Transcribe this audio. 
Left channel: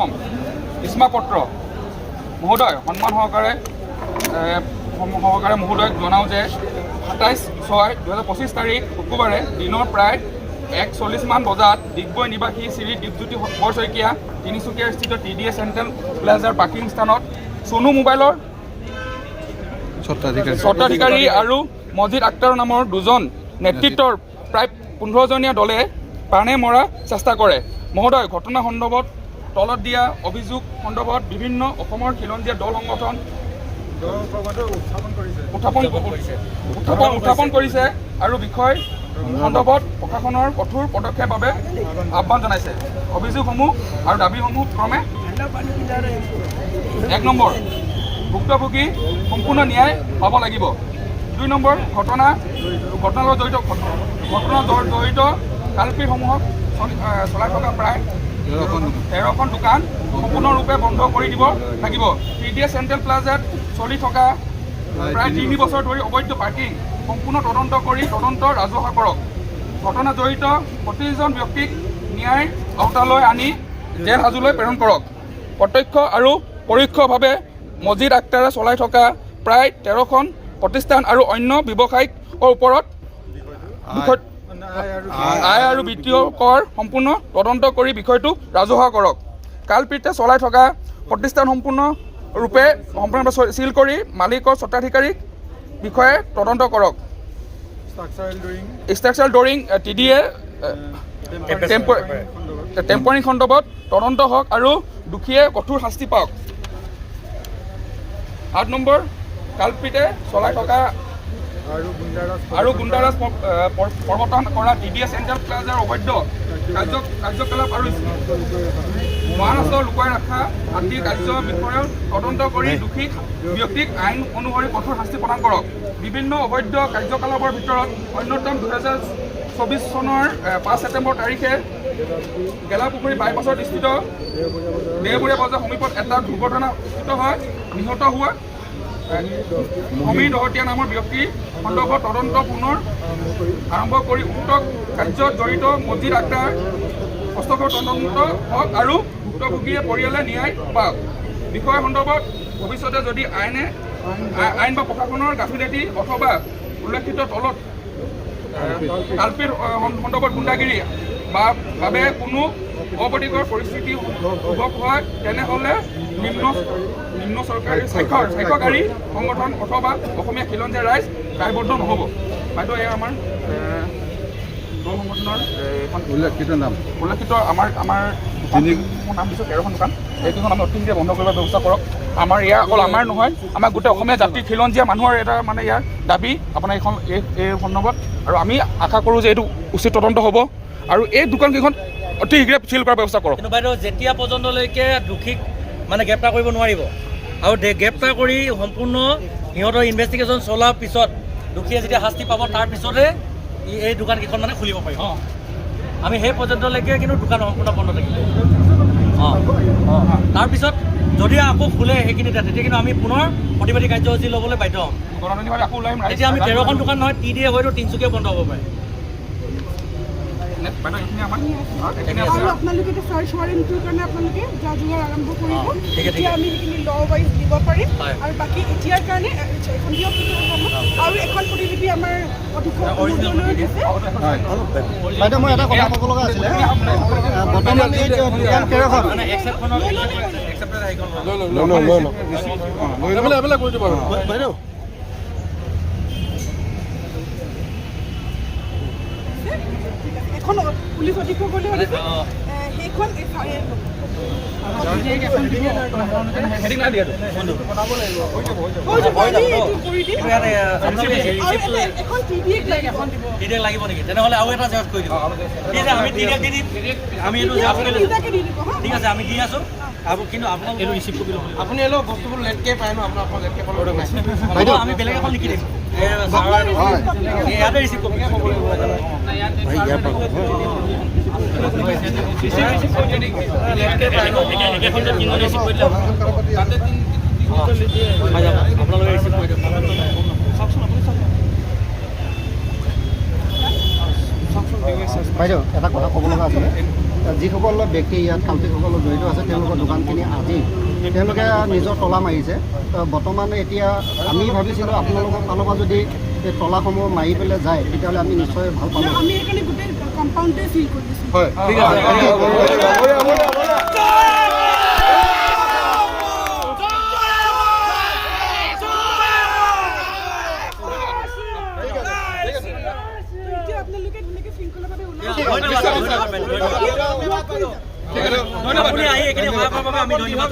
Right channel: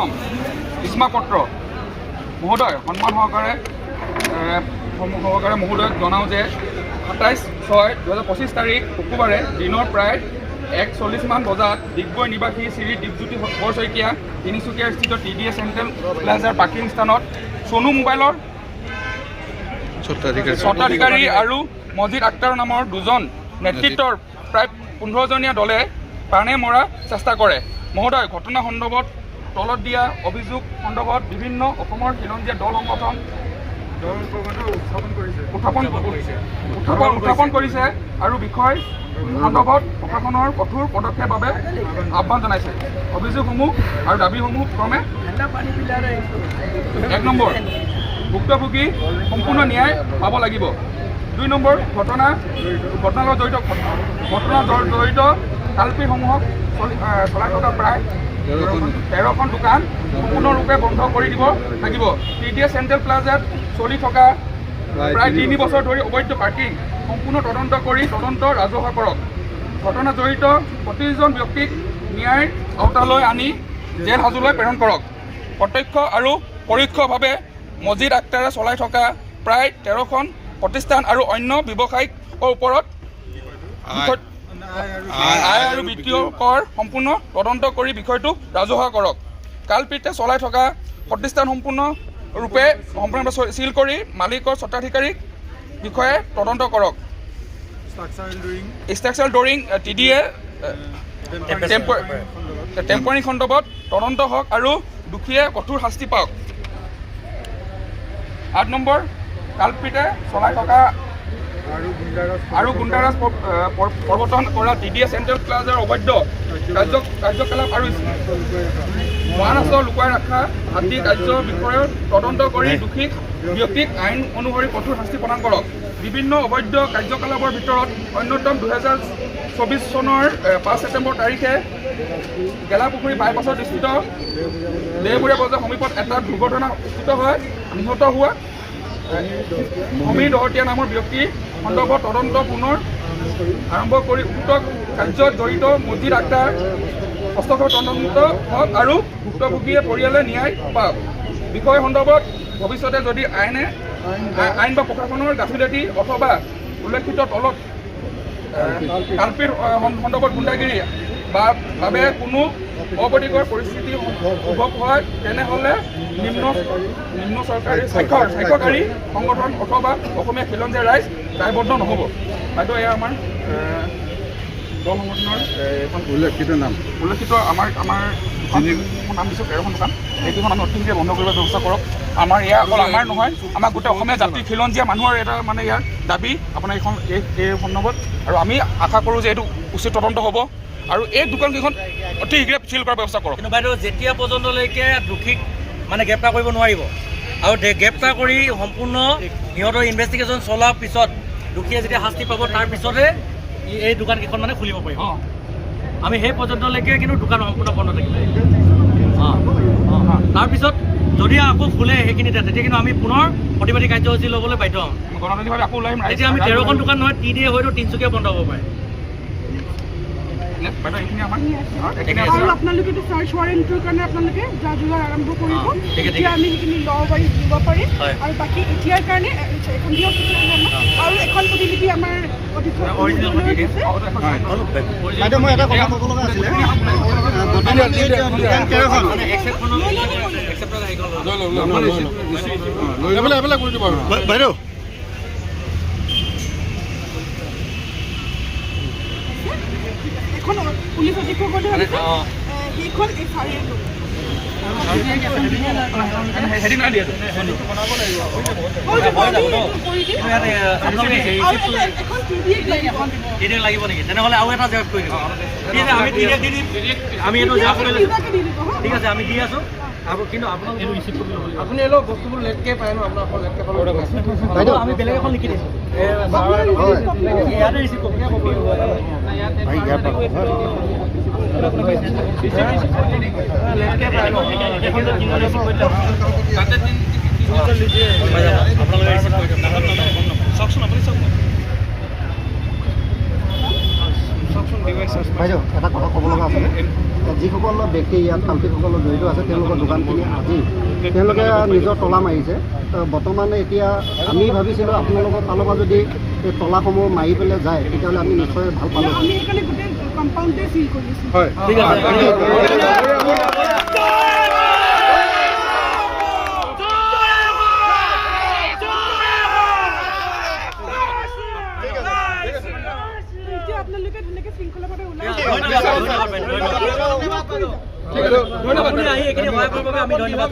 অসম ইস্মাপত্ৰ মহোদয় সন্মান সহকাৰে মহোদয়ক জনাওঁ যে 27/6/2025 তাৰিখ শুক্ৰবাৰে দিনৰ প্ৰায় 1:40 মান বজাত ডিগবৈ নিবাসী শ্ৰী দীপজ্যোতি বৰশইকীয়া তিনিচুকীয়া স্থিত TDA চেণ্ট্ৰেল প্লাজাৰ পাৰ্কিং স্থানত চনু মোবাইলৰ স্বত্বাধিকাৰী আৰু মজিদ আক্তাৰ নামৰ দুজন নেতৃত্বৰ প্ৰায় 15জনীয়া দলে প্ৰাণে মৰাৰ চেষ্টা কৰে। মহোদয়, ঘটনা সন্দৰ্ভত তলত দিয়া অভিযোগ সন্দৰ্ভত বিভিন্ন অসমৰ খিলঞ্জীয়া দল সংগঠন উত্থাপন কৰিছে আৰু বিষয় সন্দৰ্ভত প্ৰশাসনৰ কঠোৰ পদক্ষেপৰ বাবে আহ্বান জনাইছে। অভিযোগসমূহ আৰু দাবীসমূহ ক্ৰমে 1 নম্বৰ, ভুক্তভোগী সম্পূৰ্ণ ন্যায় পাব লাগিব। 2 নম্বৰ, ঘটনাৰ জড়িত কালপিসমূহক চলাই থকা প্ৰায় 13খন দোকান সম্পূৰ্ণৰূপে বন্ধ কৰি দিব লাগিব। TDA চেণ্ট্ৰেল প্লাজাত চলি থকা প্ৰায় 3 বছৰ ধৰি অবৈধ পাৰ্কিং সম্পূৰ্ণ তদন্ত কৰি তদন্ত ৰাজহুৱা কৰক। ঘটনা জড়িত প্ৰতিজন ব্যক্তিক ন্যায়ৰ আওতালৈ আনি জেল হাজোলৈ প্ৰেৰণ কৰক। প্ৰত্যক্ষ আৰু পৰোক্ষভাৱে মজিদ আক্তাৰে চলাই থকা প্ৰায় 13খন প্ৰতিষ্ঠান আৰু অন্য ব্যৱসায়িকৰ ওপৰত আয় আৰু বিত্তীয় কৰ সম্পূৰ্ণ তদন্ত কৰি বিষয়টো ৰাজহুৱা কৰক। কালপিতে চলাই থকা প্ৰতিষ্ঠান সম্পূৰ্ণৰূপে চিল কৰি মালিকৰ স্বত্বাধিকাৰীক বিষয়ে তদন্ত কৰক। ষ্ট্ৰাকচাৰেল ড্ৰয়িং TDA টেম্পোৰাৰী সন্দৰ্ভত তদন্ত হওক আৰু দোষীয়ে কঠোৰ শাস্তি পাওক। 8 নম্বৰ, কালপিতে চলাই থকা আৰু গুণ্ডাৰাজ প্ৰৱৰ্তন কৰা TDA চেণ্ট্ৰেল প্লাজাৰ অবৈধ কাৰ্যকলাপ আৰু মহাৰাষ্ট্ৰ লুকুৱাই ৰখা আদি কাৰ্যৰ বিষয়ৰ তদন্ত কৰি দোষী ব্যক্তিক আইন অনুসৰি কঠোৰ শাস্তি প্ৰদান কৰক। বিভিন্ন অবৈধ কাৰ্যকলাপৰ ভিতৰত অন্যতম 2024 চনৰ 5 ছেপ্টেম্বৰ তাৰিখে গেলাপুখুৰী বাইপাছত স্থিত দেওবৰীয়া বজাৰ সমীপত এটা দুৰ্ঘটনা নিহত হোৱা সমীৰ দহতীয়া নামৰ ব্যক্তি সন্দৰ্ভত তদন্ত পুনৰ আৰম্ভ কৰি উক্ত কাৰ্যত জড়িত মজিদ আক্তাৰ হস্তক্ষেপ তদন্ত হওক আৰু ভুক্তভোগীয়ে পৰিয়ালে ন্যায় পাওক। বিষয় সন্দৰ্ভত ভৱিষ্যতে যদি আইন বা প্ৰশাসনৰ গাফিলতি অথবা উল্লেখিত তলত কালপিৰ সন্দৰ্ভত গুণ্ডাগিৰি বাবে কোনো অপ্ৰীতিকৰ পৰিস্থিতি উদ্ভৱ হয় তেনেহ'লে নিম্ন চৰকাৰী স্বাক্ষৰকাৰী সংগঠন অথবা অসমীয়া খিলঞ্জীয়া ৰাইজ দায়বদ্ধ নহ'ব। বাইদেউ, এয়া আমাৰ দল সংগঠনৰ উল্লেখিত আমাৰ নাম দিছোঁ 13খন দোকান। সেইকেইখন আমি অতিশীঘ্ৰে বন্ধ কৰিব ব্যৱস্থা কৰক। আমাৰ এয়া অকল আমাৰ নহয়, আমাৰ গোটেই অসমীয়া জাতিৰ খিলঞ্জীয়া মানুহৰ এটা মানে ইয়াৰ দাবী আপোনাৰ এই সন্দৰ্ভত। আৰু আমি আশা কৰোঁ যে এইটো উচিত তদন্ত হ'ব আৰু এই দোকানকেইখন অতি শীঘ্ৰে চিল কৰাৰ ব্যৱস্থা কৰক। কিন্তু বাইদেউ, যেতিয়া পৰ্যন্তলৈকে দোষীক মানে গ্ৰেপ্তাৰ কৰিব নোৱাৰিব আৰু গ্ৰেপ্তাৰ কৰি সম্পূৰ্ণ সিহঁতৰ ইনভেষ্টিগেশ্যন চলাৰ পিছত দোষীয়ে যেতিয়া শাস্তি পাব তাৰ পিছতে এই দোকানকেইখন মানে খুলিব পাৰিব। আমি সেই পৰ্যন্তলৈকে কিন্তু দোকান সম্পূৰ্ণ বন্ধ থাকিব। তাৰপিছত যদি আকৌ খোলে সেইখিনিতে, তেতিয়া কিন্তু আমি পুনৰ প্ৰতিবাদী কাৰ্যসূচী ল'বলৈ বাধ্য হ'ম। তেতিয়া আমি 13খন দোকান নহয়, TDA হয়তো তিনিচুকীয়া বন্ধ হ'ব পাৰে। আৰু আপোনালোকে চাৰ্চ ৱাৰেণ্টৰ কাৰণে আপোনালোকে যা যোগাৰ আৰম্ভ কৰিব। এতিয়া আমি সেইখিনি দিব পাৰিম আৰু বাকী এতিয়াৰ কাৰণে এখন দিয়ক আৰু এখন প্ৰতিলিপি আমাৰ অধ্যক্ষ বাইদেউ এখন পুলিচ অধীক্ষকতে আহিছে সেইখন লাগিব নেকি? তেনেহ'লে আৰু এটা জেৰক্স কৰি দিম। আমি এইটো ঠিক আছে, আমি দি আছোঁ। কিন্তু আপোনালোকে ৰিচিভ কৰি ল'ব লাগিব। আপুনি অলপ বস্তুবোৰ লেটকৈ পায় ন, আপোনালোকৰ আমি বেলেগ এখন লিখি দিম। ইয়াতে ৰিচিভ কৰি আপোনালোকে ৰিচিভ কৰি দিম। চাওকচোন, আপুনি চাওক, চাওকচোন। বাইদেউ এটা কথা ক'ব লগা আছিলে যিসকল ব্যক্তি ইয়াত কাল্পিকসকল জড়িত আছে তেওঁলোকৰ দোকানখিনি আজি তেওঁলোকে নিজৰ তলা মাৰিছে বৰ্তমান এতিয়া আমি ভাবিছিলোঁ আপোনালোকৰ ফালৰ পৰা যদি এই তলাসমূহ মাৰি পেলাই যায় তেতিয়াহ'লে আমি নিশ্চয় ভাল পালোঁ আমি সেইকাৰণে গোটেই কম্পাউণ্ডে চিল কৰি দিছোঁ হয় ঠিক আছে এতিয়া আপোনালোকে ধুনীয়াকৈ শৃংখলাভাৱে ওলাই ধন্যবাদ আপুনি আহি এইখিনি সহায় কৰাৰ বাবে আমি ধন্যবাদ